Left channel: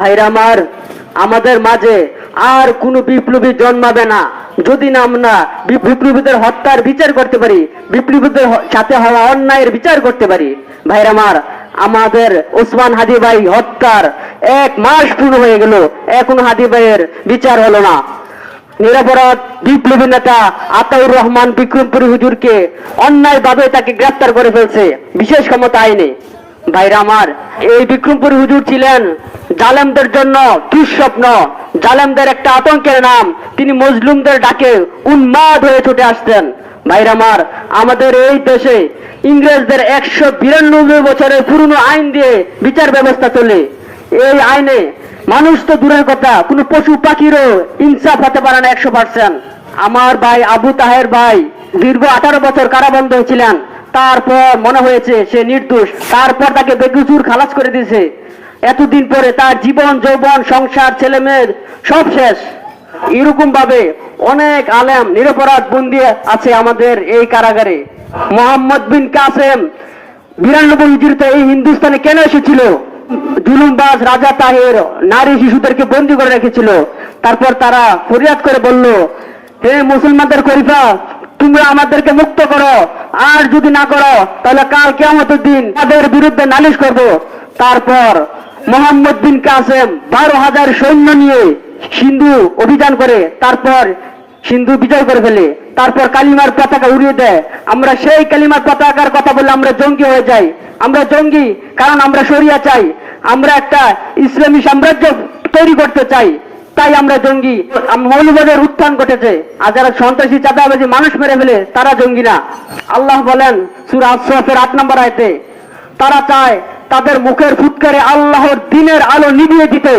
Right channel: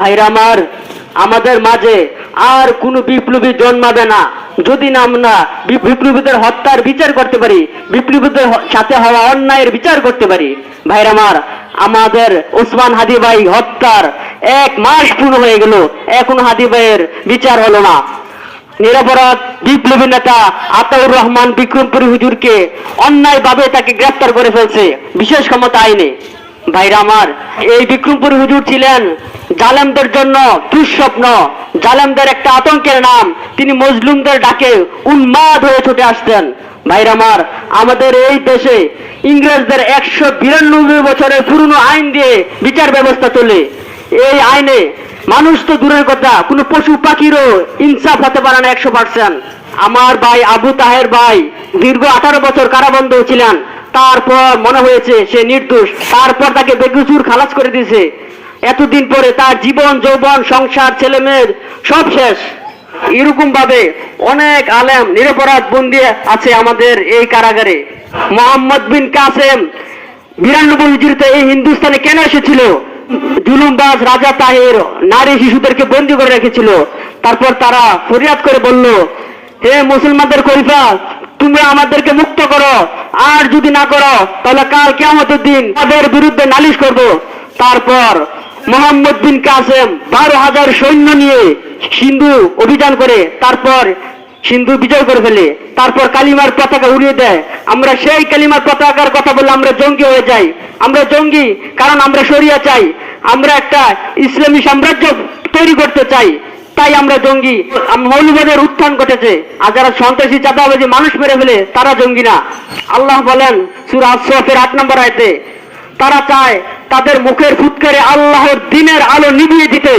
ভাইরা আমার, আমাদের মাঝে আর কোনো বিপ্লবী জন্মাবে না যদি না আমরা বিপ্লবীদের হত্যার বিচার করতে পারি, বিপ্লবীদের সাথে হওয়া অন্যায়ের বিচার করতে পারি। ভাইরা আমার, আমাদের ওসমান হাদি ভাই হত্যার 1 মাস পূর্ণ হয়ে গেল, এখনো হাদি ভাইয়ের বিচার হলো না। নিরপরাধ বিপ্লবী নেতা আতাউর রহমান বিক্রমপুরী হুজুরকে অন্যায়ভাবে তাকে গ্রেফতার করে ফেলছে বিশেষ ক্ষমতা আইনে। ভাইরা আমার, এই বিক্রমপুরী হুজুর ছিলেন জালেমদের জন্য দুঃস্বপ্ন, জালেমদের একটা আতঙ্কের নাম। তিনি মজলুমদের ডাকে উন্মাদ হয়ে ছুটে আসতেন। ভাইরা আমার, আমাদের এই দেশে ইংরেজদের 192 বছরের পুরনো আইন দিয়ে বিচার ব্যবস্থা চলে। এই আইনে মানুষ তো দূরের কথা, কোনো পশু পাখিরও ইনসাফ হতে পারে না 100%। আমার ভাই আবু তাহের ভাই দীর্ঘ 18 বছর কারাবন্ধ ছিলেন, তারপর মনে হয়েছে সে নির্দোষ, তারপর তাকে বেকসুর খালাস করে দিয়েছে। এতদিন পরে তার জীবন যৌবন সংসার ছেলে মেয়ে সব শেষ। এরকম ভাবে অনেক আলেম নিরপরাধ বন্দী আছে আমাদের এই কারাগারে। মোহাম্মদ বিন কাসেম 92 হিজরিতে এই হিন্দুস্তানে কেন এসেছিল? জুলুমবাজ রাজা তাহের নারী শিশুদেরকে বন্দী করে রেখেছিল। তারপর তারা ফরিয়াদ করে বলল, হে মুসলমানদের খলিফা, তোমরা আমাদেরকে মুক্ত করো, আর যদি না করো তাহলে কাল কিয়ামতের দিন তাদের বিরুদ্ধে নালিশ করব। তারপর মোহাম্মদ বিন কাসেম 12,000 সৈন্য নিয়ে সিন্ধু অভিযান করে, তারপর সিন্ধু বিজয় করে ফেলে, তারপর কালিমার পতাকা উড়িয়ে দেয়। আমরা সেই কালিমার পতাকার কথা বললে আমরা জঙ্গি হয়ে যাই। আমরা জঙ্গি কারণ আমরা শরিয়া চাই, আমরা একটা ইসলামী সাম্রাজ্য তৈরি করতে চাই, তাই আমরা জঙ্গি। মৌলবাদের উত্থান ঘটেছে, আর যারা সন্ত্রাসী চাঁদাবাজি মানুষ মেরে ফেলে তারা জঙ্গি না। আল্লাহ বলেন সূরা আস-সাফের 8 নম্বর আয়াতে, তারা চায় তাদের মুখের ফুৎকারে আল্লাহর দ্বীনের আলো নিভিয়ে দিতে,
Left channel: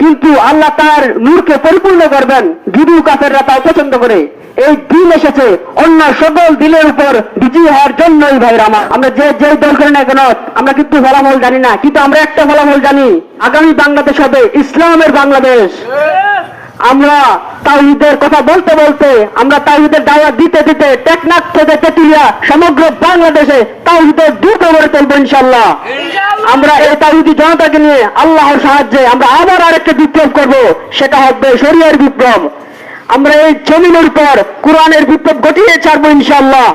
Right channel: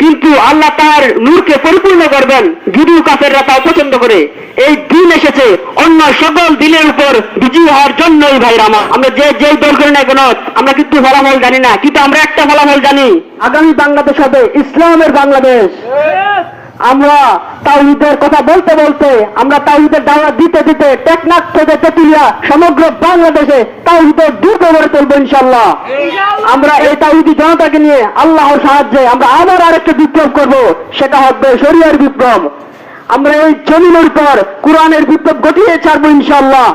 কিন্তু আল্লাহ তার নূরকে পরিপূর্ণ করবেন। যদিও কাফেররা তা পছন্দ করে। এই দিন এসেছে অন্য সকল দিনের উপর বিজয়ী হওয়ার জন্যই। ভাইরা আমার, আমরা যে দল করি না কেন, আমরা কিন্তু ফলাফল জানি না, কিন্তু আমরা একটা ফলাফল জানি, আগামী বাংলাদেশ হবে ইসলামের বাংলাদেশ। আমরা তাওহীদের কথা বলতে বলতে, আমরা তাওহীদের দাওয়াত দিতে দিতে টেকনাফ থেকে তেতুলিয়া সমগ্র বাংলাদেশে তাওহীদের দুর্গ গড়ে তুলব ইনশাআল্লাহ। আমরা এই তাওহীদি জনতাকে নিয়ে আল্লাহর সাহায্যে আমরা আবার আরেকটা বিপ্লব করব, সেটা হবে শরিয়ার বিপ্লব। আমরা এই জমিনের উপর কোরআনের বিপ্লব ঘটিয়ে ছাড়বো ইনশাআল্লাহ।